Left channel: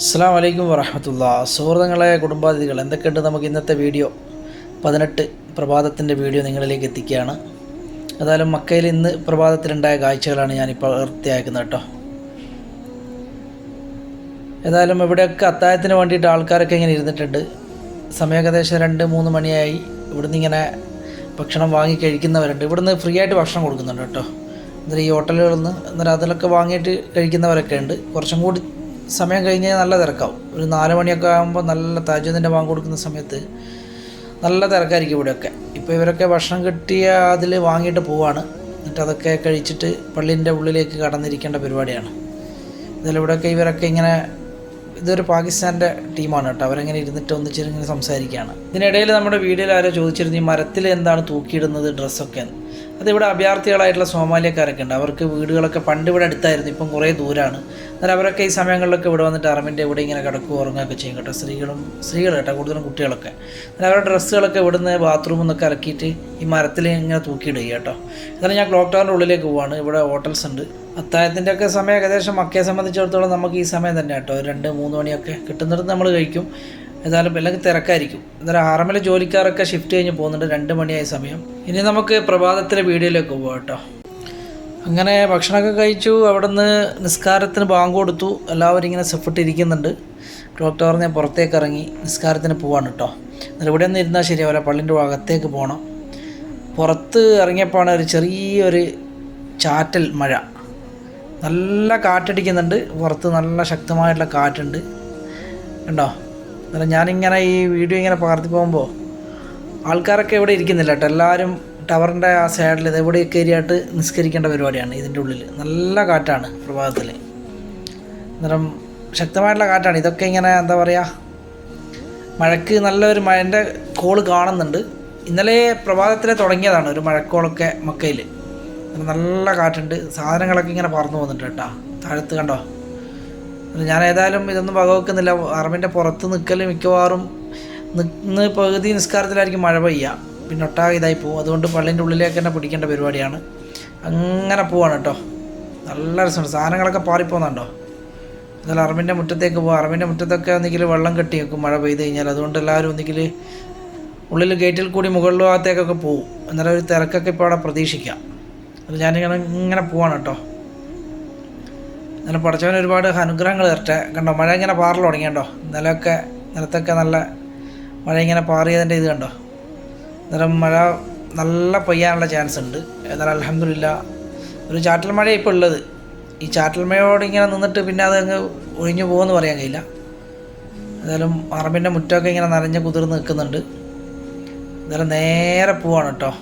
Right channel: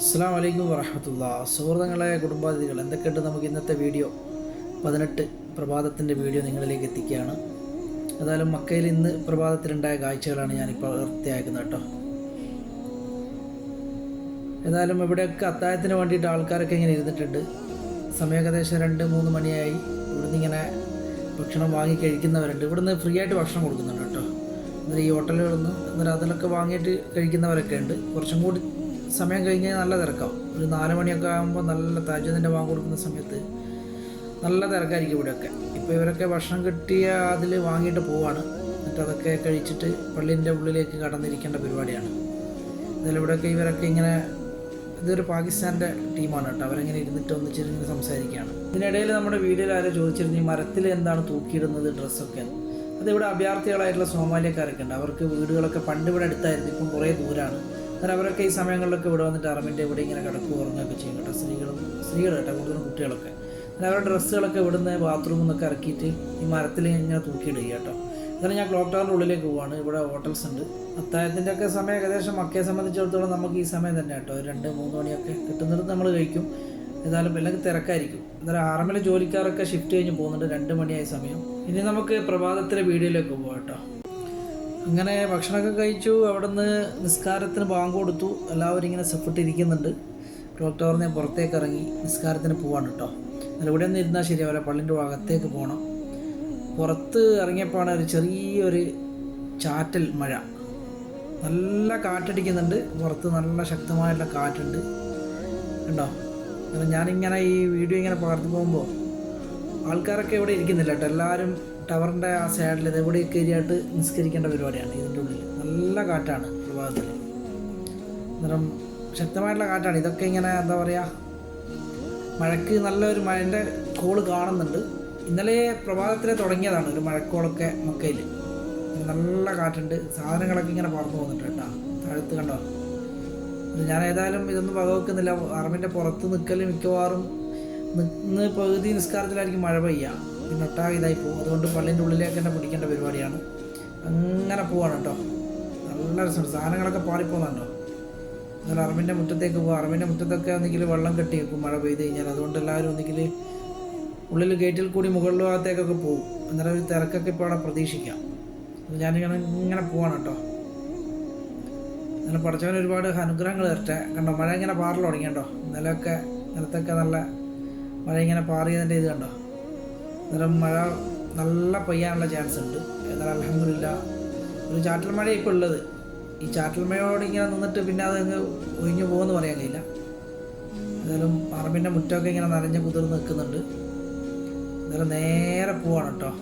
അസ്സലാമു അലൈക്കും വറഹ്മത്തുള്ളാഹി. സുഹൃത്തുക്കളെ, കുടുംബാതിഥികൾ, എന്തൊക്കെയുണ്ട്? നമുക്ക് ഇന്നത്തെ വീഡിയോ 18 പ്രഭാതത്തിൻ്റെ വീഡിയോ നിങ്ങളിലേക്ക് എത്തിക്കുകയാണ്. ഏതായാലും മക്കയിൽ ഇന്ന് പ്രഭാതത്തിലുണ്ടായ കാഴ്ചകളാണ് ഞാനിപ്പോൾ വൃത്തിയാക്കുന്നത് കേട്ടോ. ഏതായാലും ഇവിടെയൊക്കെ അത്താഴത്തിന് വേണ്ടിയിട്ട് ആൾക്കാരൊക്കെ ഇങ്ങനെ ഇരുന്നിട്ടുണ്ട്. സമയം ഏകദേശം 2-3 മണിയായി. ഇവിടുന്ന് ഇങ്ങനെ ഭക്ഷണം വാങ്ങി കഴിക്കുന്നവരുണ്ട്. ഇവിടുന്ന് ഫ്രീ ആയിട്ട് ഭക്ഷണം കൊടുക്കുന്നുണ്ട് കേട്ടോ. എന്നിട്ട് ഈ ഹോട്ടലുകളിൽ നിന്ന് എന്നിട്ട് അതിലൊക്കെ വാങ്ങിയിട്ട് കഴിക്കുന്നവരൊക്കെ ഉണ്ട്. കുറച്ചും കൂടി സമയം കഴിഞ്ഞ് നല്ല തിരക്കാവും. ഒരു 4 മണിയൊക്കെ ആകുമ്പോൾ നല്ല തഹജ്ജുദിൻ്റെ ബാങ്ക് കൊടുക്കുന്ന സമയത്ത് നല്ല തിരക്കായിരിക്കും ഇവിടെയൊക്കെ. ഇപ്പോൾ ഇവരൊക്കെ ഭക്ഷണം കിട്ടിയ അതിൽ വാങ്ങിയിട്ട് പോവാണ്. എന്നിട്ട് അതൊക്കെ കഴിച്ചിട്ട് പള്ളീൻ്റെ ഉള്ളിലേക്ക് കടന്നിരിക്കേണ്ട പരിപാടിയാണ്. ഇതിലിവിടെയൊക്കെ ഇവരൊക്കെ ഇങ്ങനെ, ഇതൊരു പാകിസ്ഥാൻ്റെ ടീമാണ് കേട്ടോ. അവരങ്ങനെ ഇരുന്നിട്ട് ഒന്നിച്ചിങ്ങനെ സംസാരിക്കുകയാണ്. ഇതിനിടയിൽ നമ്മുടെ വീഡിയോയിൽ ആരോ ചോദിച്ചിരുന്നു, ഈ മരത്തിൽ എന്താണ് തൂക്കിയിടുന്നത് ഡ്രസ്സൊക്കെ. അതിവിടെ അഭയാർത്ഥികളായിട്ടുള്ള സോമാലിയക്കാരൊക്കെ ഉണ്ട്. അവർക്ക് വീടുകളൊക്കെ പണ്ട് ഇവിടെ അടുത്തായിരുന്നു, ഇപ്പം കുറേ ദൂരമാണ്. എന്നാൽ അവരൊക്കെ ഈ സമയങ്ങളിലൊക്കെ ഇവിടെ വന്നിട്ട് അറമിൻ്റെ ഇവിടെ ഇങ്ങനെ കിടക്കുകയോ ഉറങ്ങുകയൊക്കെ ചെയ്യും കേട്ടോ. സ്ത്രീകൾ കേട്ടോ, കൂടുതലും കുട്ടികളൊക്കെ. എന്നാൽ അവരുടെ ഡ്രസ്സുകളൊക്കെ ഇവിടുന്ന് ബാത്റൂമിൽ നിന്നൊക്കെ ഇറക്കിയിട്ട് ഈ മരത്തിൽ ഇങ്ങനെ തൂക്കിയിടുക കേട്ടോ. എന്നാലും ഞാൻ ക്ലോക്ക് ടവറിൻ്റെ ഉള്ളിലേക്ക് പോവാണ്. ഇവിടെ ഹോട്ടൽസ് ഉണ്ട്. അത്താഴത്തിൻ്റെ ഒക്കെ സമയം ഏകദേശം മക്കയെ സംബന്ധിച്ചിടത്തോളം നമുക്ക് ഈ സമയം തന്നെ കേട്ടോ. 2-3 മണിയൊക്കെ കിട്ടുന്നിടത്ത് നമ്മൾ കഴിക്കും. ഏതായാലും അല്ലെങ്കിൽ തിരക്കായിരിക്കും. എന്നാലും ഹറമിലെ ജോലിക്കാരൊക്കെ ഷിഫ്റ്റ് കഴിഞ്ഞ് പോകുന്നുണ്ട്. 2 മണിയായ സമയം. ഇനി നമുക്ക് പ്രഭാതത്തിലെ വീഡിയോയിലേക്ക് പോകാം കേട്ടോ. അങ്ങനെ ഭക്ഷണമൊക്കെ കഴിച്ചു. അവിടെ നിന്ന് നിസ്കാരത്തിന് ബാങ്ക് കൊടുത്തു. എല്ലാവരും ഇങ്ങനെ സെഫിട്ടിരിക്കുന്നുണ്ട്. ക്ലോക്ക് ടവറിൽ നിന്ന് പുറത്തേക്ക് ഇറങ്ങി നിസ്കാരത്തിന് പോവാണ് കേട്ടോ. എന്നാൽ ഇവിടെ ഒന്നും ഇരുന്നാൽ ശരിയാവില്ല, പള്ളിൻ്റെ അകത്തേക്ക് പോകണം. പുറത്ത് ഇറങ്ങിയപ്പോഴാണ് ഒരു ചെറിയൊരു ചാറ്റൽ മഴ. നല്ല കാറ്റടിക്കുന്നുണ്ട് പുറത്ത്, നല്ല ശക്തമായിട്ടുള്ള കാറ്റുണ്ട് കണ്ടോ. അന്നേരം ഞാനിങ്ങനെ ഈ വീഡിയോ ഇങ്ങനെ പകർത്തി പോകുമ്പോൾ ആൾക്കാരൊക്കെ ഇവിടെ ഇരിക്കുന്നില്ല കേട്ടോ. എല്ലാവരും ടവറിൻ്റെ ആ സൈഡിൽ ഇതെവിടെ കയറിയായിട്ട് നിസ്കരിക്കേണ്ട പരിപാടിയാണ്. ഇതിൻ്റെ ഉള്ളിൽ നല്ല കാറ്റാണ് പ്രഭാതത്തിൽ. അന്നേരം ശക്തമായിട്ടുള്ള കാറ്റാണ്. ഇതൊക്കെ ഇങ്ങനെ എന്താ പറയുക, മഴയ്ക്ക് നല്ലൊരു മഴൻ്റെ കോള് കാണുന്നുണ്ട്. ഇന്നലെ പ്രഭാതത്തിലെ തുടങ്ങിയതാണ് ഒരു മഴക്കോളൊക്കെ മക്കയിൽ. നല്ല കാറ്റുണ്ട്. സാധനങ്ങളൊക്കെ ഇങ്ങനെ പറന്നു പോകുന്നുണ്ട് കേട്ടോ താഴത്ത് കണ്ടോ. ഞാൻ ഏതായാലും ഇതൊന്നും വകവെക്കുന്നില്ല. അറമിൻ്റെ പുറത്ത് നിൽക്കൽ മിക്കവാറും ഇന്ന് പകുതി നിസ്കാരത്തിലായിരിക്കും മഴ പെയ്യുക, പിന്നെ ഒട്ടാകെ ഇതായി പോകും. അതുകൊണ്ട് പള്ളിൻ്റെ ഉള്ളിലേക്ക് തന്നെ പിടിക്കേണ്ട പരിപാടിയാണ്. അങ്ങനെ പോവാണ് കേട്ടോ. നല്ല രസമുണ്ട്. സാധനങ്ങളൊക്കെ പാറിപ്പോകുന്നുണ്ടോ. എന്നാലും അറമിൻ്റെ മുറ്റത്തേക്ക് പോകും. അറമിൻ്റെ മുറ്റത്തൊക്കെ ഒന്നെങ്കിൽ വെള്ളം കെട്ടി വെക്കും മഴ പെയ്ത് കഴിഞ്ഞാൽ. അതുകൊണ്ട് എല്ലാവരും ഒന്നെങ്കിൽ ഉള്ളിൽ ഗേറ്റിൽ കൂടി മുകളിൽ ഭാഗത്തേക്കൊക്കെ പോകും. എന്നാലും ഒരു തിരക്കൊക്കെ ഇപ്പോൾ അവിടെ പ്രതീക്ഷിക്കാം. അത് ഞാനിങ്ങനെ പോവാണ് കേട്ടോ. അങ്ങനെ പഠിച്ചവൻ ഒരുപാട് അനുഗ്രഹങ്ങൾ തരട്ടെ. കണ്ടോ മഴ ഇങ്ങനെ പാറൽ തുടങ്ങിയണ്ടോ. നിലത്തൊക്കെ നല്ല മഴ ഇങ്ങനെ പാറിയതിൻ്റെ ഇത് കണ്ടോ. അന്നേരം മഴ നല്ല പെയ്യാനുള്ള ചാൻസ് ഉണ്ട്. എന്നാൽ അൽഹംദുലില്ലാ ഒരു ചാറ്റൽ മഴ ഇപ്പോൾ ഉള്ളത്. ഈ ചാറ്റൽ മഴയോട് ഇങ്ങനെ നിന്നിട്ട് പിന്നെ അതങ്ങ് ഒഴിഞ്ഞു പോകുമെന്ന് പറയാൻ കഴിയില്ല. ഏതായാലും അറബിൻ്റെ മുറ്റമൊക്കെ ഇങ്ങനെ നനഞ്ഞ് കുതിർന്ന് നിൽക്കുന്നുണ്ട്. എന്നാലും നേരെ പോവാണ് കേട്ടോ.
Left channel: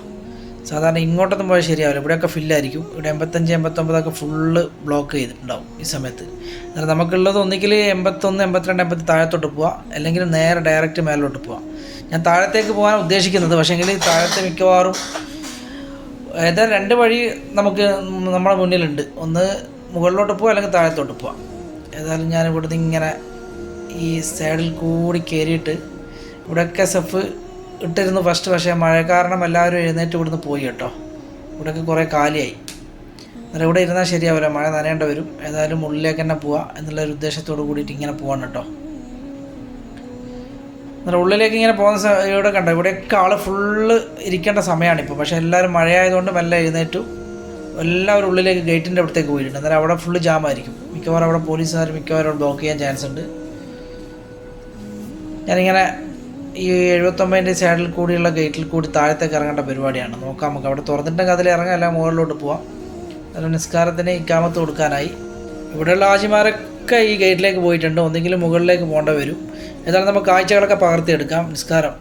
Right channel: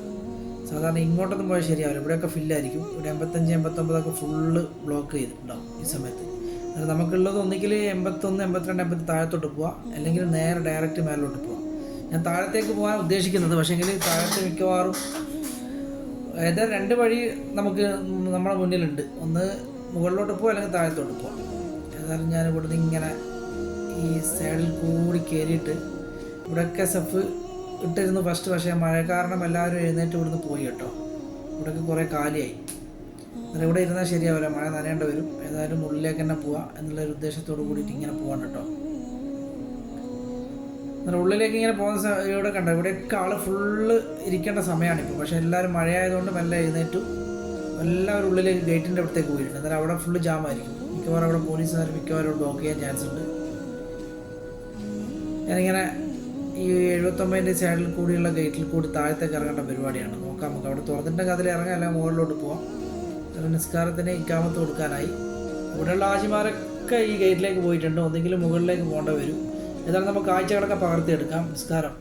സാധാരണ ഇങ്ങോട്ടൊന്നും പോയാൽ ശരിയാവില്ല, ഇവിടെയൊക്കെ ഫില്ലായിരിക്കും. ഇവിടെ 85-89 ഫുള്ള് ബ്ലോക്ക് ചെയ്തിട്ടുണ്ടാവും ഈ സമയത്ത്. എന്നാൽ നമുക്കുള്ളത് ഒന്നുകിൽ 81, 82, 80 താഴത്തോട്ട് പോവാം, അല്ലെങ്കിൽ നേരെ ഡയറക്റ്റ് മേലോട്ട് പോവാം. ഞാൻ താഴത്തേക്ക് പോകാൻ ഉദ്ദേശിക്കുന്നത്, പക്ഷേങ്കിൽ താഴത്തെ മിക്കവാറും ഏതായാലും 2 വഴി നമുക്ക് നമ്മുടെ മുന്നിലുണ്ട്. ഒന്ന് മുകളിലോട്ട് പോവാം, അല്ലെങ്കിൽ താഴത്തോട്ട് പോവാം. ഏതായാലും ഞാൻ ഇവിടുന്ന് ഇങ്ങനെ ഈ സൈഡിൽ കൂടി കയറിയിട്ട് ഇവിടെയൊക്കെ സെഫ് ഇട്ടിരുന്നു ഫസ്റ്റ്. പക്ഷേ മഴ കാരണം എല്ലാവരും എഴുന്നേറ്റ് ഇവിടുന്ന് പോയി കേട്ടോ. ഇവിടെയൊക്കെ കുറേ കാലിയായി. അന്നേരം ഇവിടെ ഇരുന്നാൽ ശരിയാവില്ല, മഴ നനയേണ്ട വരും. ഏതായാലും ഉള്ളിലേക്ക് തന്നെ പോവാം എന്നുള്ളൊരു ഉദ്ദേശത്തോട് കൂടിയിട്ട് ഇങ്ങനെ പോവാണ് കേട്ടോ. അന്നേരം ഉള്ളിലേക്ക് ഇങ്ങനെ പോകുന്ന ഇവിടെ കണ്ടോ, ഇവിടെയൊക്കെ ആൾ ഫുള്ള് ഇരിക്കേണ്ട സമയമാണിപ്പോൾ. പക്ഷേ എല്ലാവരും മഴയായതുകൊണ്ട് മെല്ലെ എഴുന്നേറ്റു. എല്ലാവരും ഉള്ളിലേക്ക് ഗേറ്റിൻ്റെ അടുത്തേക്ക് പോയിട്ടുണ്ട്. അന്നേരം അവിടെ ഫുള്ള് ജാമായിരിക്കും. മിക്കവാറും അവിടെ പോലീസുകാർ മിക്കവാറും അവിടെ ബ്ലോക്ക് ചെയ്യാൻ ചാൻസ് ഉണ്ട്. ഞാനിങ്ങനെ ഈ 79 സൈഡിൽ കൂടിയുള്ള ഗേറ്റിൽ കൂടി താഴത്തേക്ക് ഇറങ്ങേണ്ട പരിപാടിയാണ്. നോക്കാം നമുക്ക്. അവിടെ തുറന്നിട്ടുണ്ടെങ്കിൽ അതിൽ ഇറങ്ങാം, അല്ല മുകളിലോട്ട് പോവാം. അതിൽ നിസ്കാരത്തിന് ഇക്കാമത്ത് കൊടുക്കാനായി ഇവിടെയുള്ള ആജിമാരൊക്കെ ഈ ഗേറ്റിലേക്ക് പോയിട്ടുണ്ട്. ഒന്നെങ്കിലും മുകളിലേക്ക് പോകേണ്ട വരും. ഏതായാലും നമുക്ക് കാഴ്ചകളൊക്കെ പകർത്തിയെടുക്കാം. നിസ്കാരം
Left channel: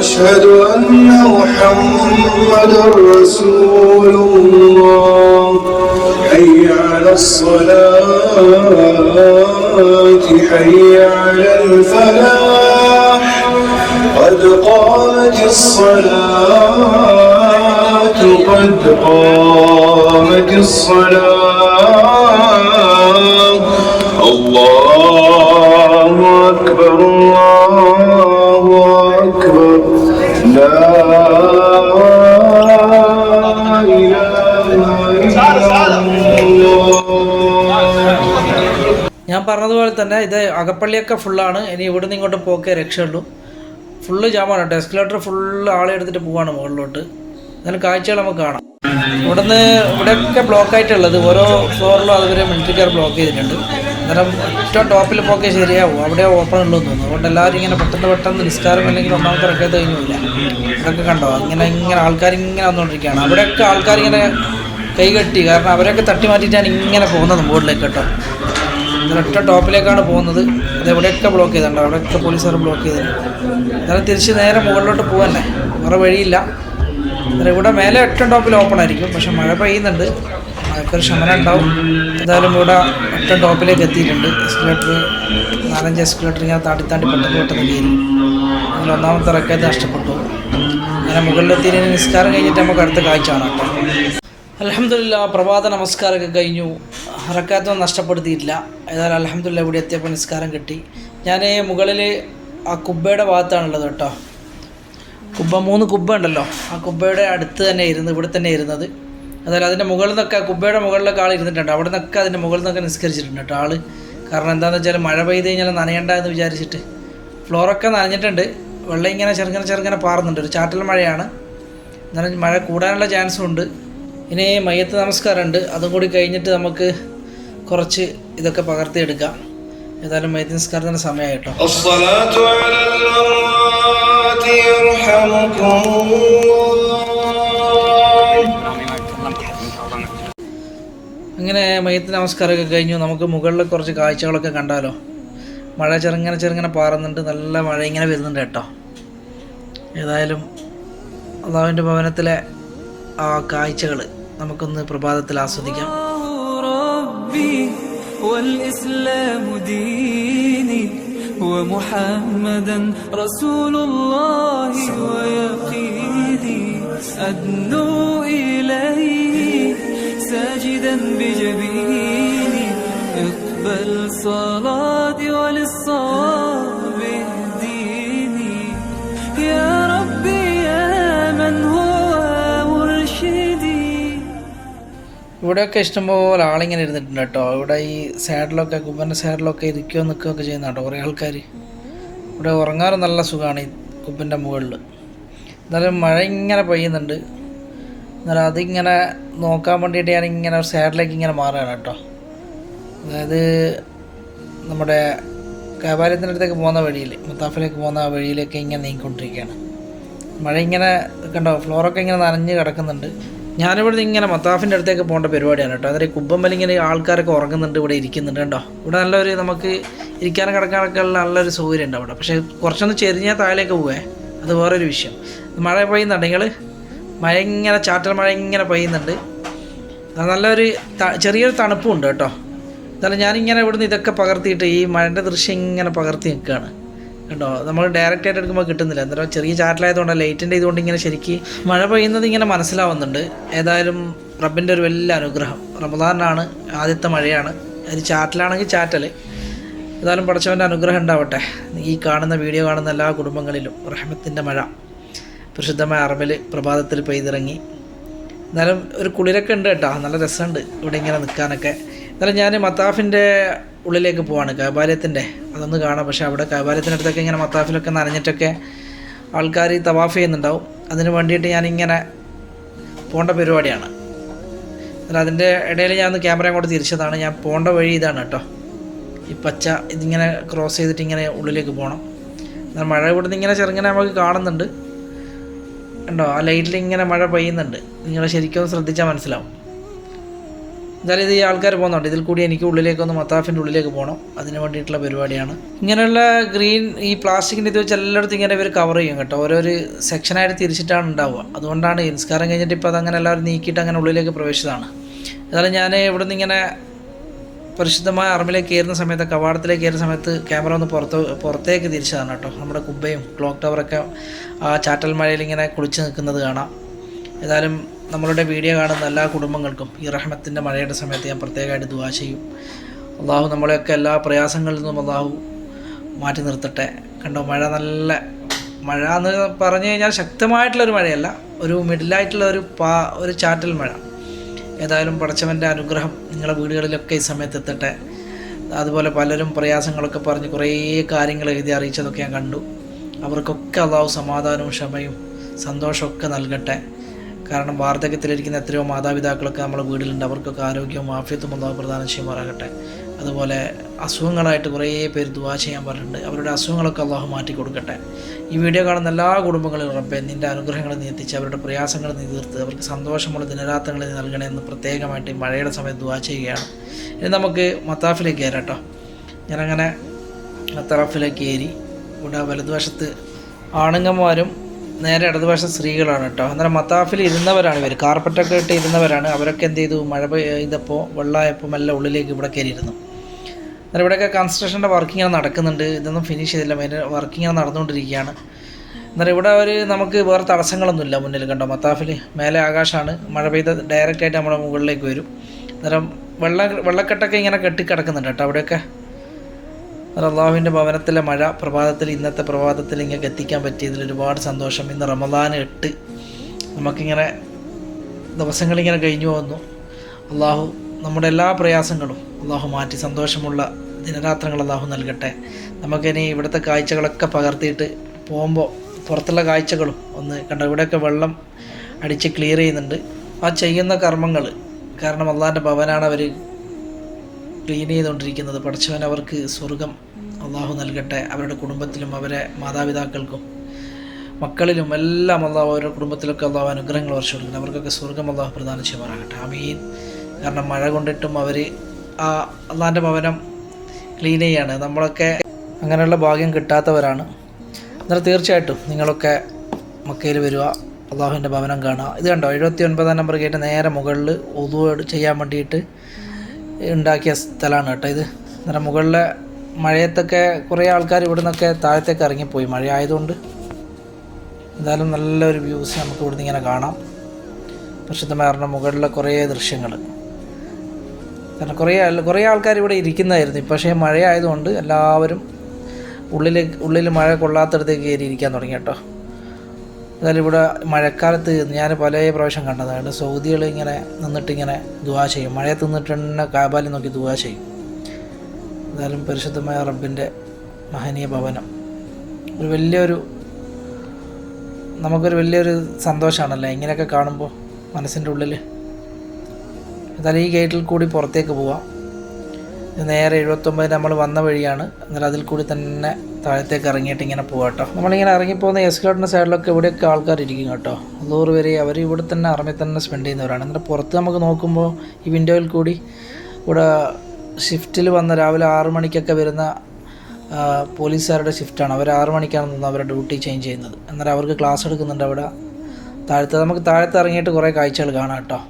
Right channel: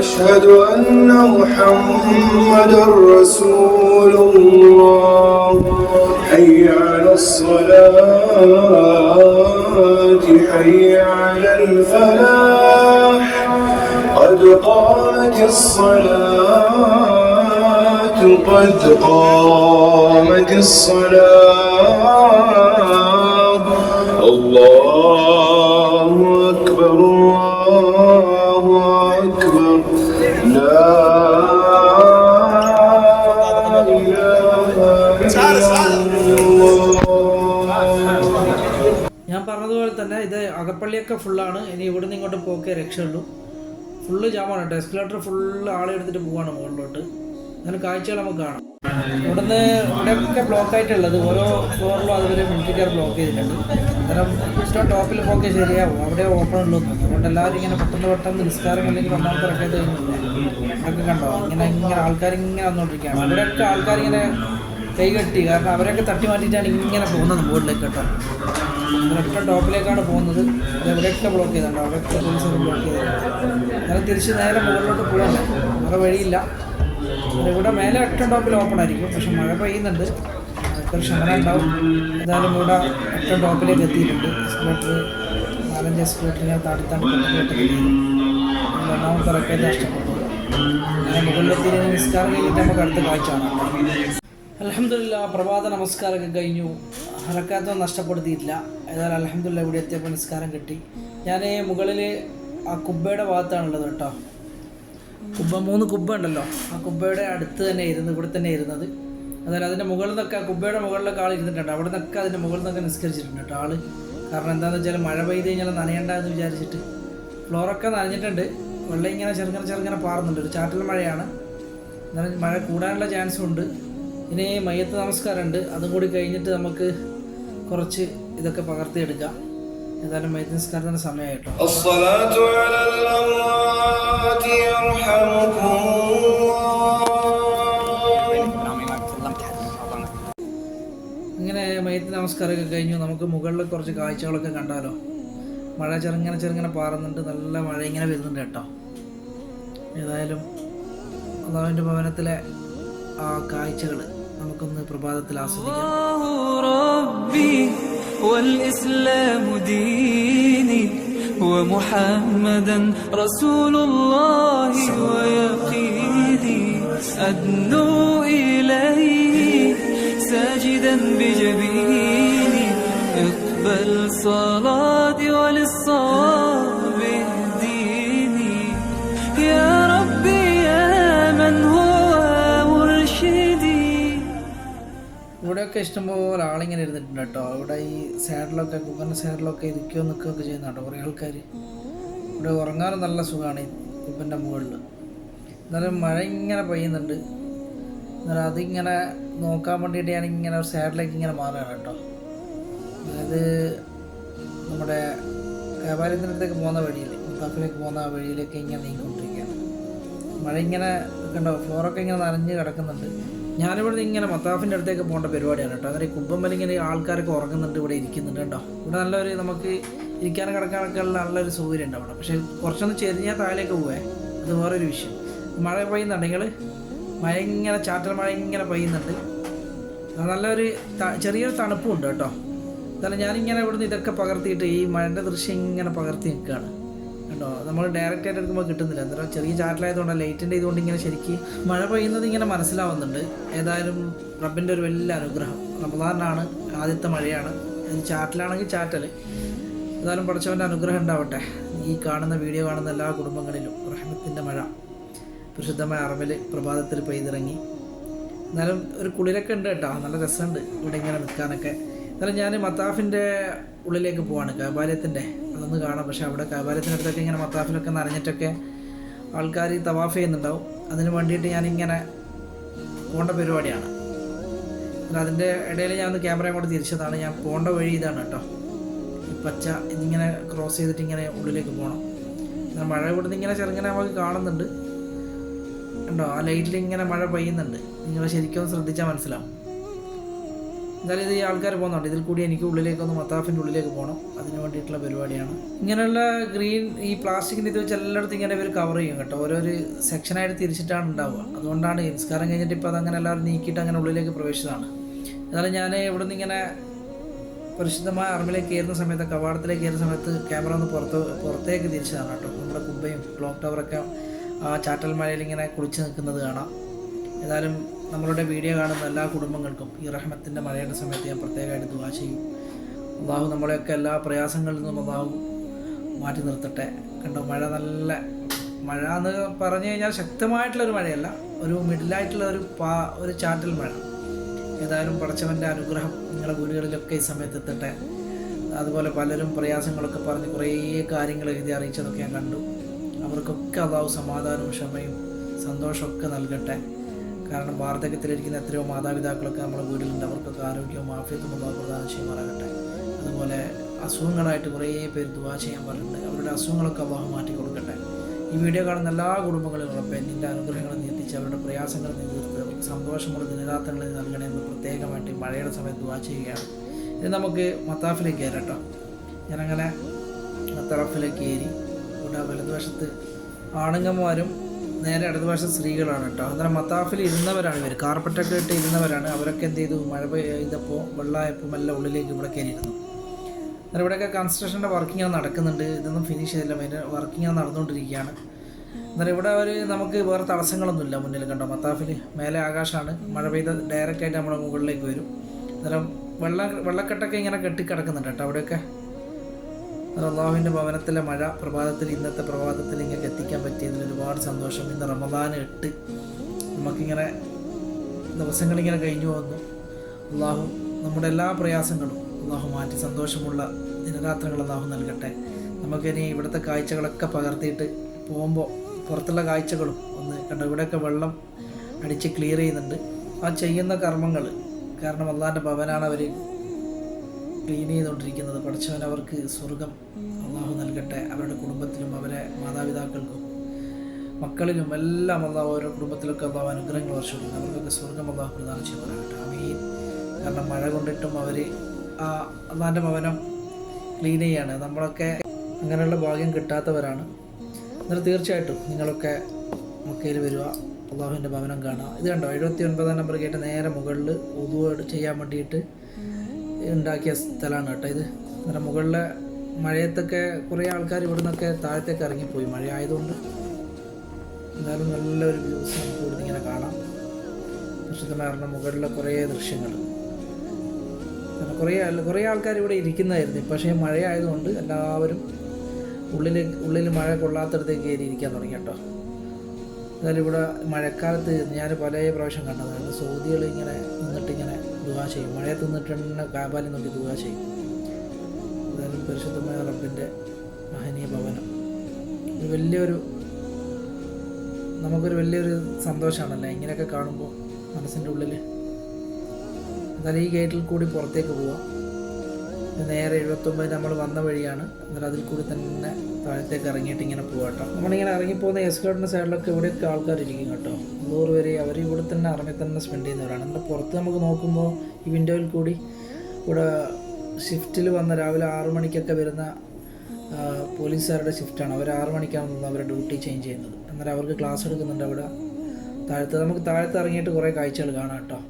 أشهد أن محمدًا رسول الله حي على الصلاة حي على الفلاح قد قامت الصلاة قد قامت الصلاة الله أكبر الله لا إله إلا الله. ഞാൻ പറഞ്ഞതുപോലെ തന്നെ ഇത് അകപ്പള്ളിയൊക്കെ ഫുള്ളാണ്. ഇനി ഇവിടുന്ന് ഇങ്ങോട്ട് പോക്കേ രക്ഷയുള്ളൂ. ഫുള്ള് ജാമാണ് കേട്ടോ. എസ്കലേറ്റർ ഫുള്ള് ആളെ എടുത്തിട്ട് പോവാണ് മുകളിലോട്ട്. എന്നാലും കാഴ്ചകൾ നമുക്ക് കാണാം. ഇവിടുന്ന് ഇവിടെയൊക്കെ ബ്ലോക്കായിട്ടുള്ളത് ഓരോ ഫ്ലോറിലും അതുവരെ മിലിറ്ററിക്കാർ ബ്ലോക്ക് ചെയ്തിട്ടുണ്ട്. അന്നേരം ഏറ്റവും ടോപ്പിൽ പോക്കേ ശരിയാവും. അവിടെ ഓപ്പൺ ഉള്ളൂ തോന്നുന്നു. അതുകൊണ്ട് എല്ലാവരും ഇങ്ങനെ പെട്ടെന്ന് നിസ്കാരം അല്ലെങ്കിൽ ഒന്നാമത്തെ റക്കത്ത് കഴിഞ്ഞില്ല. ഇതൊക്കെ കണ്ടോ ഇങ്ങനെ ആൾക്കാരിങ്ങനെ വന്നുകൊണ്ടിരിക്കുകയാണ്. അവിടെയൊക്കെ ആൾക്കാരിങ്ങനെ കൈകെട്ടി, കാരണം അവരൊക്കെ തട്ടി മാറ്റിയിട്ടാണ് ഇങ്ങനെ പോകുന്നത് മുകളിലേക്ക് കേട്ടോ. ഒറ്റ ടോപ്പിലേക്കാണ് പോകുന്നത്. അത് എവിടെയൊക്കെ ബ്ലോക്ക് ചെയ്തിട്ടുണ്ട്. അവിടെയൊക്കെ പോലീസുകാർ ബ്ലോക്ക് ചെയ്തിട്ടുണ്ട്. എന്നാലും തിരിച്ച് നേരെ മുകളിലോട്ട് പോകാനേ വേറെ വഴിയില്ല. ഇവിടെ മേലെ ഏറ്റവും ടോപ്പിൽ ഓപ്പൺ ആയിരിക്കും. പക്ഷെ മഴ പെയ്യുന്നുണ്ട്, മഴക്കൊരു ശമനം ഉണ്ടാവും. എന്തായാലും ഇവിടെ ഏറ്റവും ടോപ്പിലേക്ക് എത്തിയിട്ടുണ്ട്. എസ്കലേറ്റർ 4-5 എസ്കലേറ്റർ ഇങ്ങനെ താണ്ടി പെട്ടെന്ന് കയറി. അതിൽ ഒന്നാമത്തെ റക്കത്ത് നഷ്ടപ്പെട്ടു. അങ്ങനെ മുകളിലെത്തിയിട്ട് നിസ്കാരം കഴിഞ്ഞിട്ട് നമുക്ക് അടുത്ത കാഴ്ച കാണാം. അൽഹംദുലില്ലാ, പ്രഭാത നമസ്കാരമൊക്കെ കഴിഞ്ഞു. റക്കാത്തൊന്നും നഷ്ടപ്പെടുത്തിയിട്ടില്ല. ഏതായാലും അൽഹംദുലില്ലാ ഇവിടെ എത്തിയപ്പോൾ നിസ്കാരം കിട്ടി. ഞാൻ മുകളിൽ ആ കുബ്ബയുടെ ഭാഗത്താണുള്ളത് കേട്ടോ. 3 കുബ്ബ ഉണ്ടല്ലോ, ആ കുബ്ബയുടെ അടുത്ത് തന്നെ ഇരുന്ന് ഇവിടെ തന്നെ ഇരുന്നത്. അതായത് അതിൻ്റെ മുകളിൽ നിന്നൊക്കെ കുബ്ബയുടെ മുകളിലൊക്കെ ആൾ ഇരുന്നിട്ടുണ്ട്. അവിടെ നിന്നൊക്കെ അതിൻ്റെ മുകളിൽ നിന്നൊക്കെ നിസ്കരിച്ചിട്ടുണ്ട് കേട്ടോ ആൾ. കാരണം എന്താണെന്ന് വെച്ചാൽ മഴ പെയ്ത് കഴിഞ്ഞാൽ നനയണ്ട എന്ന് വിചാരിച്ചിട്ട്. ഫ്ലോറൊക്കെ നനഞ്ഞിട്ടുണ്ട്. വെള്ളം ഇങ്ങനെ ചെറുങ്ങനെ പാറുന്നുണ്ട്. ഒരു ചാറ്റൽ മഴയാണ്. എന്നാലും മഴ കൂടാനുള്ള ചാൻസും ഉണ്ട്. ഇനി മയ്യത്ത് നമസ്കാരമുണ്ട്. അതും കൂടി കഴിഞ്ഞിട്ട് നമുക്ക് കുറച്ച് ഇതൊക്കെ പകർത്തിയെടുക്കാം. ഏതായാലും മയ്യത്ത് നമസ്കാരത്തിൻ്റെ സമയമായി കേട്ടോ. അങ്ങനെ മയ്യത്ത് നമസ്കാരമൊക്കെ കഴിഞ്ഞു. നമുക്ക് മുകളിൽ കുറച്ച് കാഴ്ചകളൊക്കെ കണ്ടാലോ. മഴ ചെറുങ്ങനെ പാറുന്നുണ്ട്. നല്ല മഴ ഇങ്ങനെ വരുന്നുണ്ട് കേട്ടോ. ഏതായാലും അല്ലാഹുവിൻ്റെ ഭവനത്തിലെ ആ കാഴ്ചകൾ നമുക്കൊന്ന് പ്രഭാതത്തിൽ ആസ്വദിക്കാം. والإسلام ديني ومحمدا رسول الله ويقيني أدنو إليه ساجدا بجبيني اقبل صلاتي وللصواب اهديني يا ربي يا من هو مرشدي. ഇവിടെയൊക്കെ ഇഷ്ടംപോലെ ആളിങ്ങനെ ഇരുന്നിട്ടുണ്ട് കേട്ടോ. ഇവിടെ ഈ സൈഡിലൊക്കെ കുബ്ബൻ്റെ സൈഡിലൊക്കെ ഇരിക്കുകയോ നിൽക്കുകയൊക്കെ ചെയ്യുന്ന കേട്ടോ കുറേ ആൾക്കാർ. ഇവിടെ ഉറങ്ങാനും നല്ല സുഖമാണ് ഈ കുബ്ബൻ്റെ മുകളിൽ. എന്നാലും മഴ ഇങ്ങനെ പെയ്യുന്നുണ്ട്. എന്നാലും അതിങ്ങനെ നോക്കാൻ വേണ്ടിയിട്ട് ഞാനിങ്ങനെ ഒരു സൈഡിലേക്ക് ഇങ്ങനെ മാറുകയാണ് കേട്ടോ. അതായത് നമ്മുടെ കബാലയത്തിൻ്റെ അടുത്തേക്ക് പോകുന്ന വഴിയിൽ, മുത്താഫിലേക്ക് പോകുന്ന വഴിയിലേക്ക് ഇങ്ങനെ നീങ്ങിക്കൊണ്ടിരിക്കുകയാണ്. മഴ ഇങ്ങനെ കണ്ടോ, ഫ്ലോറൊക്കെ ഇങ്ങനെ നനഞ്ഞ് കിടക്കുന്നുണ്ട്. ഞാനിവിടെ ഇങ്ങനെ മത്താഫിൻ്റെ അടുത്തേക്ക് പോകേണ്ട പരിപാടിയാണ് കേട്ടോ. അതായത് കുബ്ബമ്പൽ ഇങ്ങനെ ആൾക്കാരൊക്കെ ഉറങ്ങുന്നുണ്ട്, ഇവിടെ ഇരിക്കുന്നുണ്ട് കേട്ടോ. ഇവിടെ നല്ലൊരു നമുക്ക് ഇരിക്കാനും കിടക്കാനൊക്കെ ഉള്ള നല്ലൊരു സൗകര്യം ഉണ്ട് അവിടെ. പക്ഷേ കുറച്ചൊന്ന് ചെരിഞ്ഞാൽ താഴേക്ക് പോവേ, അത് വേറൊരു വിഷയം. മഴ പെയ്യുന്നുണ്ടെങ്കിൽ മഴ ഇങ്ങനെ ചാറ്റൽ മഴ ഇങ്ങനെ പെയ്യുന്നുണ്ട്. നല്ലൊരു ചെറിയൊരു തണുപ്പും ഉണ്ട് കേട്ടോ. എന്നാലും ഞാനിങ്ങനെ ഇവിടുന്ന് ഇതൊക്കെ പകർത്തിയിട്ട് ഈ മഴൻ്റെ ദൃശ്യം ഇങ്ങനെ പകർത്തി നിൽക്കുകയാണ് കേട്ടോ. നമ്മൾ ഡയറക്റ്റ് ആയിട്ട് എടുക്കുമ്പോൾ കിട്ടുന്നില്ല. എന്തായാലും ചെറിയ ചാറ്റലായതുകൊണ്ട് ലൈറ്റിൻ്റെ ഇതുകൊണ്ട് ഇങ്ങനെ ശരിക്ക് മഴ പെയ്യുന്നത് ഇങ്ങനെ മനസ്സിലാവുന്നുണ്ട്. ഏതായാലും റബ്ബിൻ്റെ ഒരു വലിയ അനുഗ്രഹം. റമദാനാണ്, ആദ്യത്തെ മഴയാണ്. അത് ചാറ്റലാണെങ്കിൽ ചാറ്റൽ. ഏതായാലും പടച്ചവൻ്റെ അനുഗ്രഹം ഉണ്ടാവട്ടെ. ഈ കാണുന്ന വീഡിയോ കാണുന്ന എല്ലാ കുടുംബങ്ങളിലും റഹ്മത്തിൻ്റെ മഴ പരിശുദ്ധമായ അറബിൽ പ്രഭാതത്തിൽ പെയ്തിറങ്ങി. എന്നാലും ഒരു കുളിരൊക്കെ ഉണ്ട് കേട്ടോ. നല്ല രസമുണ്ട് ഇവിടെ ഇങ്ങനെ നിൽക്കാനൊക്കെ. എന്നാലും ഞാൻ മത്താഫിൻ്റെ ഉള്ളിലേക്ക് പോവാണ്, കബാലയത്തിൻ്റെ. അതൊന്ന് കാണാം. പക്ഷേ അവിടെ കബാലയത്തിൻ്റെ അടുത്തൊക്കെ ഇങ്ങനെ മത്താഫിലൊക്കെ നനഞ്ഞിട്ടൊക്കെ ആൾക്കാർ തവാഫ് ചെയ്യുന്നുണ്ടാവും. അതിന് വേണ്ടിയിട്ട് ഞാനിങ്ങനെ പോകേണ്ട പരിപാടിയാണ്. എന്നാൽ അതിൻ്റെ ഇടയിൽ ഞാൻ ഒന്ന് ക്യാമറ അങ്ങോട്ട് തിരിച്ചതാണ്. ഞാൻ പോകേണ്ട വഴി ഇതാണ് കേട്ടോ. ഈ പച്ച ഇതിങ്ങനെ ക്രോസ് ചെയ്തിട്ട് ഇങ്ങനെ ഉള്ളിലേക്ക് പോകണം. എന്നാൽ മഴ ഇവിടുന്ന് ഇങ്ങനെ ചെറുങ്ങനെ നമുക്ക് കാണുന്നുണ്ട് ഉണ്ടോ. ആ ലൈറ്റിൽ ഇങ്ങനെ മഴ പെയ്യുന്നുണ്ട്. നിങ്ങൾ ശരിക്കും ശ്രദ്ധിച്ചാൽ മനസ്സിലാവും. എന്തായാലും ഇത് ഈ ആൾക്കാർ പോകുന്നുണ്ട്. ഇതിൽ കൂടി എനിക്ക് ഉള്ളിലേക്കൊന്ന് മത്താഫിൻ്റെ ഉള്ളിലേക്ക് പോകണം. അതിന് വേണ്ടിയിട്ടുള്ള പരിപാടിയാണ്. ഇങ്ങനെയുള്ള ഗ്രീൻ ഈ പ്ലാസ്റ്റിക്കിൻ്റെ ഇത് വെച്ച് എല്ലായിടത്തും ഇങ്ങനെ ഇവർ കവർ ചെയ്യും കേട്ടോ. ഓരോരു സെക്ഷനായിട്ട് തിരിച്ചിട്ടാണ് ഉണ്ടാവുക. അതുകൊണ്ടാണ് നിസ്കാരം കഴിഞ്ഞിട്ട് ഇപ്പോൾ അതങ്ങനെ എല്ലാവരും നീക്കിയിട്ട് അങ്ങനെ ഉള്ളിലേക്ക് പ്രവേശിച്ചതാണ്. എന്നാലും ഞാൻ ഇവിടുന്ന് ഇങ്ങനെ പരിശുദ്ധമായ അറബിലേക്ക് കയറുന്ന സമയത്ത്, കവാടത്തിലേക്ക് കയറുന്ന സമയത്ത് ക്യാമറ ഒന്ന് പുറത്തേക്ക് തിരിച്ചതാണ് കേട്ടോ. നമ്മുടെ കുബ്ബയും ക്ലോക്ക് ടവറൊക്കെ ആ ചാറ്റൽ മഴയിൽ ഇങ്ങനെ കുളിച്ച് നിൽക്കുന്നത് കാണാം. ഏതായാലും നമ്മളുടെ വീഡിയോ കാണുന്ന എല്ലാ കുടുംബങ്ങൾക്കും ഈ റഹ്മത്തിൻ്റെ മഴയുടെ സമയത്ത് ഞാൻ പ്രത്യേകമായിട്ട് ദുആ ചെയ്യും. അള്ളാഹു നമ്മളെയൊക്കെ എല്ലാ പ്രയാസങ്ങളിൽ നിന്നും അള്ളാഹു മാറ്റി നിർത്തട്ടെ. കണ്ടോ, മഴ നല്ല മഴ എന്ന് പറഞ്ഞു കഴിഞ്ഞാൽ ശക്തമായിട്ടുള്ളൊരു മഴയല്ല, ഒരു മിഡിലായിട്ടുള്ള ഒരു ചാറ്റൽ മഴ. ഏതായാലും പടച്ചവൻ്റെ അനുഗ്രഹം നിങ്ങളുടെ വീടുകളിലൊക്കെ ഈ സമയത്ത് എത്തട്ടെ. അതുപോലെ പലരും പ്രയാസങ്ങളൊക്കെ പറഞ്ഞ് കുറേ കാര്യങ്ങൾ എഴുതി അറിയിച്ചതൊക്കെ ഞാൻ കണ്ടു. അവർക്കൊക്കെ അള്ളാഹു സമാധാനവും ക്ഷമയും സന്തോഷമൊക്കെ നൽകട്ടെ. കാരണം വാർദ്ധക്യത്തിലിരിക്കുന്ന എത്രയോ മാതാപിതാക്കളൊക്കെ നമ്മുടെ വീട്ടിലുണ്ട്. അവർക്കൊക്കെ ആരോഗ്യവും ആഫിയത്തും അള്ളാഹു പ്രദാനം ചെയ്യുമാറാകട്ടെ. അതുപോലെ അസുഖങ്ങളായിട്ട് കുറേ പേര് ദുആ ചെയ്യാൻ പറഞ്ഞിട്ടുണ്ട്. അവരുടെ അസുഖങ്ങളൊക്കെ അള്ളാഹു മാറ്റി കൊടുക്കട്ടെ. ഈ വീഡിയോ കാണുന്ന എല്ലാ കുടുംബങ്ങളിലും റബ്ബേ നിൻ്റെ അനുഗ്രഹങ്ങൾ നീ എത്തിച്ച് അവരുടെ പ്രയാസങ്ങൾ നീ തീർത്ത് അവർക്ക് സന്തോഷമുള്ള ദിനരാത്രങ്ങൾ നീ നൽകണമെന്ന് പ്രത്യേകമായിട്ട് മഴയുടെ സമയത്ത് ദുആ ചെയ്യുകയാണ്. ഇനി നമുക്ക് മത്താഫിലേക്ക് കയറാം കേട്ടോ. ഞാനങ്ങനെ മത്താഫിലേക്ക് കയറി. ഇവിടെ വലതുവശത്ത് ആണുങ്ങന്മാരും നേരെ ഇടതുവശം സ്ത്രീകളാണ് കേട്ടോ. അന്നേരം മത്താഫിൽ ഇരുന്നവരാണ് ഇവർ, കാർപ്പറ്റൊക്കെ ഇട്ട് ഇരുന്നവരാണ്. അവരൊക്കെ എന്ത് ചെയ്തു, മഴ പെയ്തപ്പോൾ വെള്ളമായപ്പോൾ എല്ലാം ഉള്ളിലേക്ക് ഇവിടെ കയറിയിരുന്നു. അന്നേരം ഇവിടെയൊക്കെ കൺസ്ട്രക്ഷൻ്റെ വർക്കിങ്ങനെ നടക്കുന്നുണ്ട്. ഇതൊന്നും ഫിനിഷ് ചെയ്തില്ല, മെയിൻ വർക്കിങ്ങനെ നടന്നുകൊണ്ടിരിക്കുകയാണ്. അന്നേരം ഇവിടെ നമുക്ക് വേറെ തടസ്സങ്ങളൊന്നുമില്ല മുന്നിൽ കണ്ടോ. മത്താഫിൽ മേലെ ആകാശമാണ്, മഴ പെയ്ത് ഡയറക്റ്റായിട്ട് നമ്മുടെ മുകളിലേക്ക് വരും. അന്നേരം വെള്ളക്കെട്ടൊക്കെ ഇങ്ങനെ കെട്ടിക്കിടക്കുന്നുണ്ട് കേട്ടോ അവിടെയൊക്കെ. അള്ളാഹുവിൻ്റെ ഭവനത്തിലെ മഴ ഇന്നത്തെ പ്രഭാതത്തിൽ ഇങ്ങനെ എത്തിക്കാൻ പറ്റിയതിൽ ഒരുപാട് സന്തോഷം. ഇന്ന് റമദാൻ 8 നമുക്കിങ്ങനെ ദിവസങ്ങളിങ്ങനെ കഴിഞ്ഞു പോകുന്നു. അള്ളാഹു നമ്മുടെ എല്ലാ പ്രയാസങ്ങളും അള്ളാഹു മാറ്റി സന്തോഷമുള്ള ദിനരാത്രങ്ങൾ അള്ളാഹു നൽകട്ടെ. നമുക്കിനി ഇവിടുത്തെ കാഴ്ചകളൊക്കെ പകർത്തിയിട്ട് പോകുമ്പോൾ പുറത്തുള്ള കാഴ്ചകളും ഒന്ന് കണ്ടോ. ഇവിടെയൊക്കെ വെള്ളം അടിച്ച് ക്ലിയർ ചെയ്യുന്നുണ്ട്. ആ ചെയ്യുന്ന കർമ്മങ്ങൾ കാരണം അള്ളാഹിൻ്റെ ഭവനാണ് അവർ ക്ലീൻ ചെയ്തുകൊണ്ടിരിക്കുന്നത്. പഠിച്ചവൻ അവർക്ക് സ്വർഗം അള്ളാഹു നൽകട്ടെ. അവരുടെ കുടുംബത്തിലും അവരെ മാതാപിതാക്കൾക്കും മക്കളിലും എല്ലാം അള്ളാഹു അവരുടെ കുടുംബത്തിലൊക്കെ അള്ളാഹു അനുഗ്രഹങ്ങൾ വർഷിക്കുന്നു. അവർക്കൊക്കെ സ്വർഗം അള്ളാഹു പ്രദാനം ചെയ്യുമാറാകട്ടെ. ആമീൻ. കാരണം മഴ കൊണ്ടിട്ടും അവർ ആ അള്ളാഹിൻ്റെ ഭവനം ക്ലീൻ ചെയ്യാണ്. നമ്മളൊക്കെ അങ്ങനെയുള്ള ഭാഗ്യം കിട്ടാത്തവരാണ്. എന്നാൽ തീർച്ചയായിട്ടും നിങ്ങളൊക്കെ മക്കയിൽ വരിക, അള്ളാഹുവിൻ്റെ ഭവനം കാണുക. ഇത് കണ്ടോ 79 നമ്പർ ഗേറ്റ് നേരെ മുകളിൽ ഉദു ചെയ്യാൻ വേണ്ടിയിട്ട് ഉണ്ടാക്കിയ സ്ഥലമാണ് കേട്ടോ ഇത്. അന്നേരം മുകളിലെ മഴയത്തൊക്കെ കുറേ ആൾക്കാർ ഇവിടെ നിന്നൊക്കെ താഴത്തേക്ക് ഇറങ്ങിപ്പോയി മഴ ആയതുകൊണ്ട്. എന്തായാലും നല്ലൊരു വ്യൂസ് നമുക്ക് ഇവിടുന്ന് ഇങ്ങനെ കാണാം. പ്രസിദ്ധമായിരുന്ന മുകളിലെ കുറേ ദൃശ്യങ്ങൾ. കാരണം കുറേ ആൾക്കാർ ഇവിടെ ഇരിക്കുന്നതായിരുന്നു. പക്ഷേ മഴ ആയതുകൊണ്ട് എല്ലാവരും ഉള്ളിൽ മഴ കൊള്ളാത്തടത്തേക്ക് കയറി ഇരിക്കാൻ തുടങ്ങി കേട്ടോ. എന്തായാലും ഇവിടെ മഴക്കാലത്ത് ഞാൻ പല പ്രാവശ്യം കണ്ടതാണ്. സൗദികൾ ഇങ്ങനെ നിന്നിട്ടിങ്ങനെ ദുആ ചെയ്യും. മഴയത്ത് നിന്നിട്ട് തന്നെ കാബാലിൽ നോക്കി ദുആ ചെയ്യും. എന്തായാലും പരിശുദ്ധമായ റബ്ബിൻ്റെ മഹനീയ ഭവനം നമുക്കൊരു വലിയൊരു സന്തോഷമാണല്ലേ ഇങ്ങനെയൊക്കെ കാണുമ്പോൾ മനസ്സിൻ്റെ ഉള്ളിൽ. എന്തായാലും ഈ ഗേറ്റിൽ കൂടി പുറത്തേക്ക് പോവാം. നേരെ 79 നമ്മൾ വന്ന വഴിയാണ്. എന്നാൽ അതിൽ കൂടി തന്നെ താഴത്തേക്ക് ഇറങ്ങിയിട്ട് ഇങ്ങനെ പോകാം കേട്ടോ. നമ്മളിങ്ങനെ ഇറങ്ങിപ്പോകുന്ന എസ്കലേറ്ററിൻ്റെ സൈഡിലൊക്കെ ഇവിടെയൊക്കെ ആൾക്കാർ ഇരിക്കും കേട്ടോ. 100 വരെ അവർ ഇവിടെ തന്നെ അറമി തന്നെ സ്പെൻഡ് ചെയ്യുന്നവരാണ്. എന്നിട്ട് പുറത്ത് നമുക്ക് നോക്കുമ്പോൾ ഈ വിൻഡോയിൽ കൂടി ഇവിടെ ഷിഫ്റ്റിൽ വന്ന രാവിലെ 6 മണിക്കൊക്കെ വരുന്ന പോലീസുകാരുടെ ഷിഫ്റ്റാണ്. അവർ 6 മണിക്കാണ് നിന്ന് അവരുടെ ഡ്യൂട്ടി ചേഞ്ച് ചെയ്യുന്നത്. എന്നാൽ അവർക്ക് ക്ലാസ് എടുക്കുന്നുണ്ട് അവിടെ നമുക്ക് താഴത്ത് ഇറങ്ങിയിട്ട് കുറേ കാഴ്ചകൾ കാണാം കേട്ടോ.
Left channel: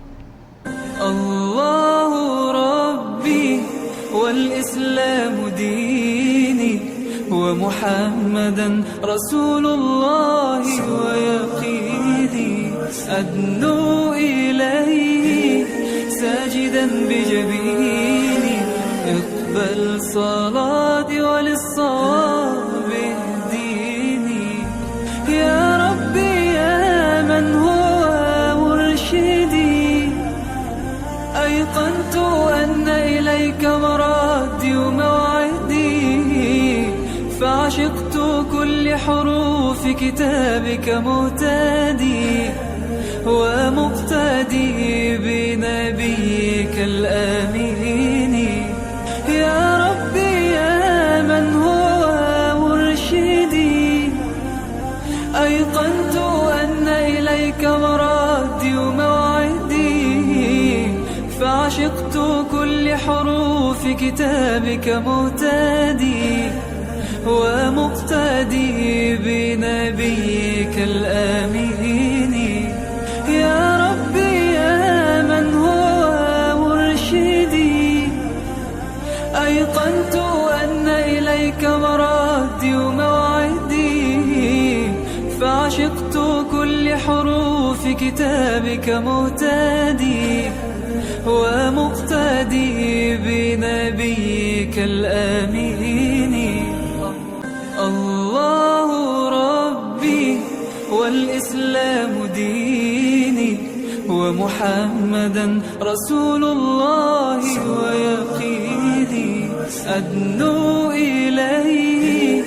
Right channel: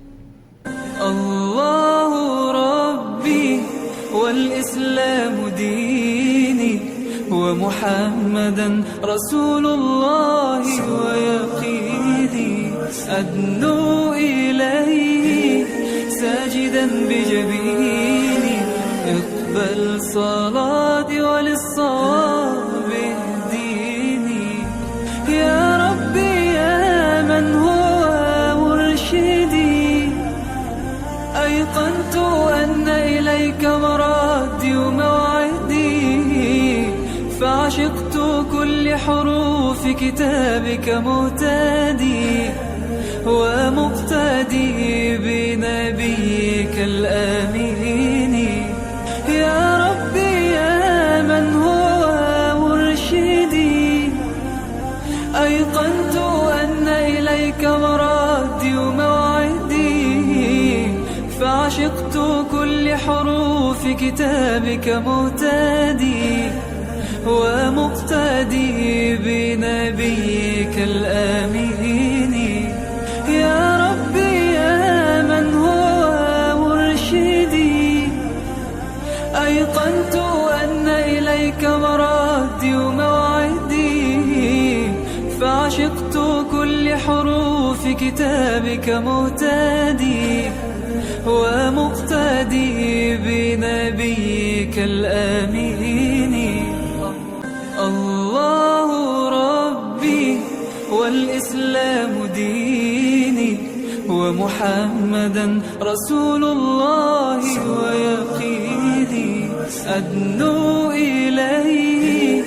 അല്ലാഹു റബ്ബി والإسلام ديني ومحمدا رسول الله ويقيني أدنو إليه ساجدا بجبيني اقبل صلاتي وللصواب اهديني يا ربي يا من هو مرشدي أيقنت أن إليك مرادي وموعدي فعشقت كل حروف كتابك مهتدي ومقتدي بنبيك الآمين يا ربي يا من هو مرشدي أيقنت أن إليك مرادي وموعدي فعشقت كل حروف كتابك مهتدي ومقتدي بنبيك الآمين يا ربي يا من هو مرشدي أيقنت أن إليك مرادي وموعدي فعشقت كل حروف كتابك مهتدي ومقتدي بنبيك الآمين الله ربي والإسلام ديني ومحمدا رسول الله ويقيني أدنو إليه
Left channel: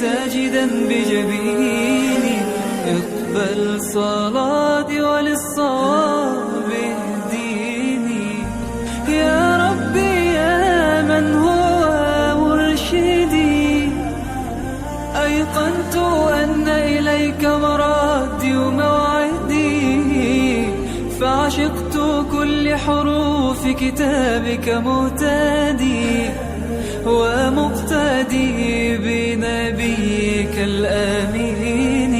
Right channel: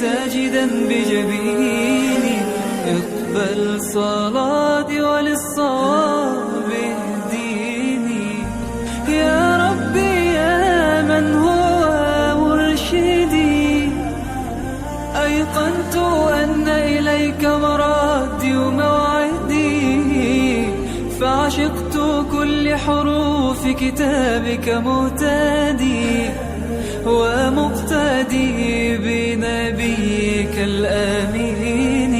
ساجدا بجبيني اقبل صلاتي وللصواب اهديني يا ربي يا من هو مرشدي أيقنت أن إليك مرادي وموعدي فعشقت كل حروف كتابك مهتدي ومقتدي بنبيك الآمين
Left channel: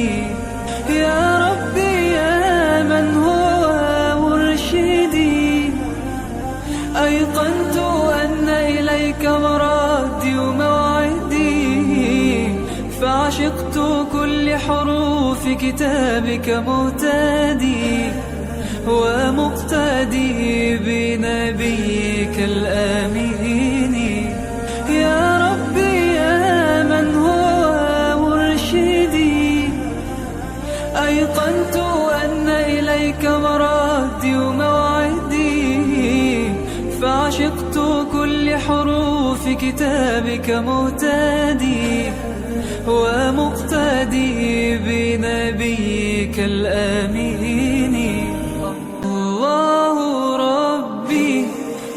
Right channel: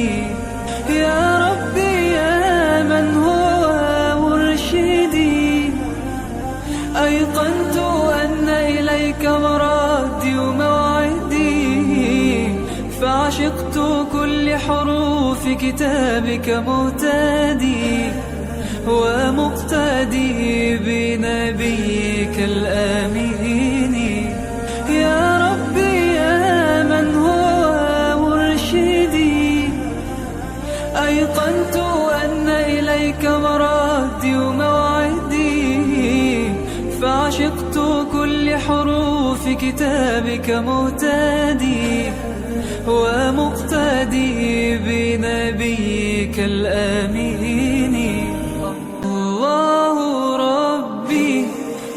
يا ربي يا من هو مرشدي أيقنت أن إليك مرادي وموعدي فعشقت كل حروف كتابك مهتدي ومقتدي بنبيك الآمين يا ربي يا من هو مرشدي أيقنت أن إليك مرادي وموعدي فعشقت كل حروف كتابك مهتدي ومقتدي بنبيك الآمين الله ربي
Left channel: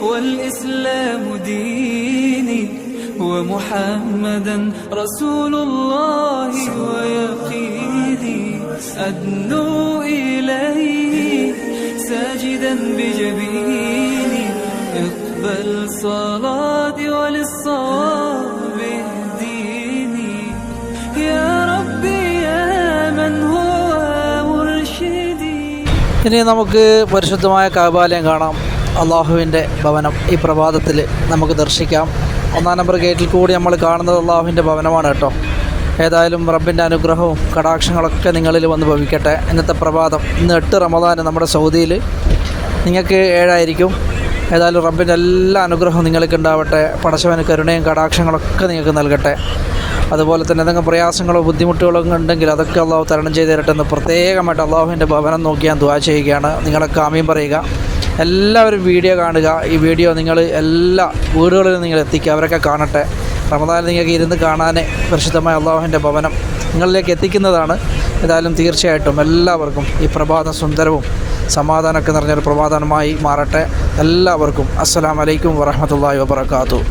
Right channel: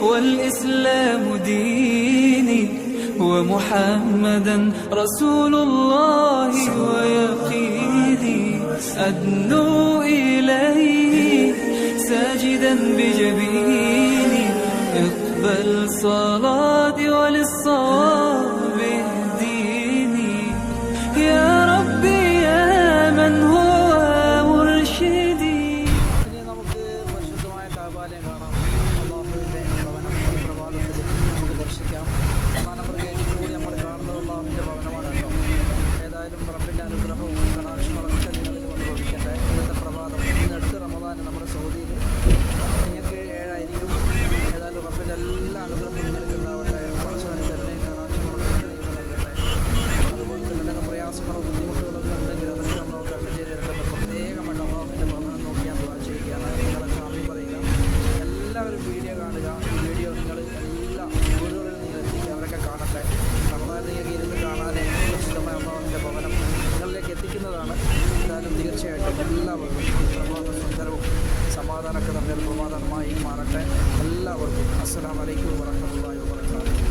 والإسلام ديني ومحمدا رسول الله ويقيني أدنو إليه ساجدا بجبيني اقبل صلاتي وللصواب اهديني يا ربي يا من هو مرشدي. ഇനി നമുക്ക് പരിശുദ്ധമായ കഅബാലയം കാണാം. അള്ളാഹുവിൻ്റെ ഭവനം ഈ പ്രഭാതത്തിൽ നമുക്ക് ദർശിക്കാം. 1-ാം നമ്പർ ഗേറ്റിൽ കൂടി നമ്മൾ കാണുന്നത് അള്ളാഹുവിൻ്റെ ഭവനമാണ് കേട്ടോ. ഏതായാലും റബ്ബിൻ്റെ അനുഗ്രഹവും കടാക്ഷങ്ങളൊക്കെ നിങ്ങളിൽ വന്ന് ഭവിക്കട്ടെ. ഇന്നത്തെ പ്രഭാതം ഇന്ന് 8 റമദാൻ നമ്മുടെ സൗദിയിൽ, നിങ്ങൾക്ക് 7 ആയിരിക്കും. ഏതായാലും റബ്ബിൻ്റെ എല്ലാ അനുഗ്രഹവും നിങ്ങൾക്ക് ഉണ്ടാവട്ടെ. പടച്ചവന് കരുണയും കടാക്ഷങ്ങളൊക്കെ നിങ്ങൾക്ക് നൽകട്ടെ. അതുപോലെ തന്നെ എന്തെങ്കിലും പ്രയാസങ്ങളോ ബുദ്ധിമുട്ടുകളോ ഉണ്ടെങ്കിൽ അതൊക്കെ അള്ളാഹു തരണം ചെയ്ത് തരട്ടെ എന്ന് പ്രത്യേകമായിട്ട് അള്ളാഹുവിൻ്റെ ഭവനം നോക്കി ഞാൻ ദുആ ചെയ്യുകയാണ്. നിങ്ങളൊക്കെ ആമീൻ പറയുക. എല്ലാവരും വീഡിയോ കാണുക. ഈ വീഡിയോ നിങ്ങൾ എല്ലാ വീടുകളിലും നിങ്ങൾ എത്തിക്കുക, അവരൊക്കെ കാണട്ടെ. റമദാനിൽ നിങ്ങൾക്ക് ഇരുന്ന് കാണാൻ പരിശുദ്ധമായ അള്ളാഹുവിൻ്റെ ഭവനം നിങ്ങളിലേക്ക് എത്തിക്കുന്നതാണ്. ഏതായാലും തീർച്ചയായിട്ടും എല്ലാവർക്കും ഈ പ്രഭാതം സുന്ദരവും സമാധാനമൊക്കെ നിറഞ്ഞൊരു പ്രഭാതമായി മാറട്ടെ. എല്ലാവർക്കും അസ്സലാമു അലൈക്കും വറഹ്മത്തുള്ളാഹി വബറകാതുഹു.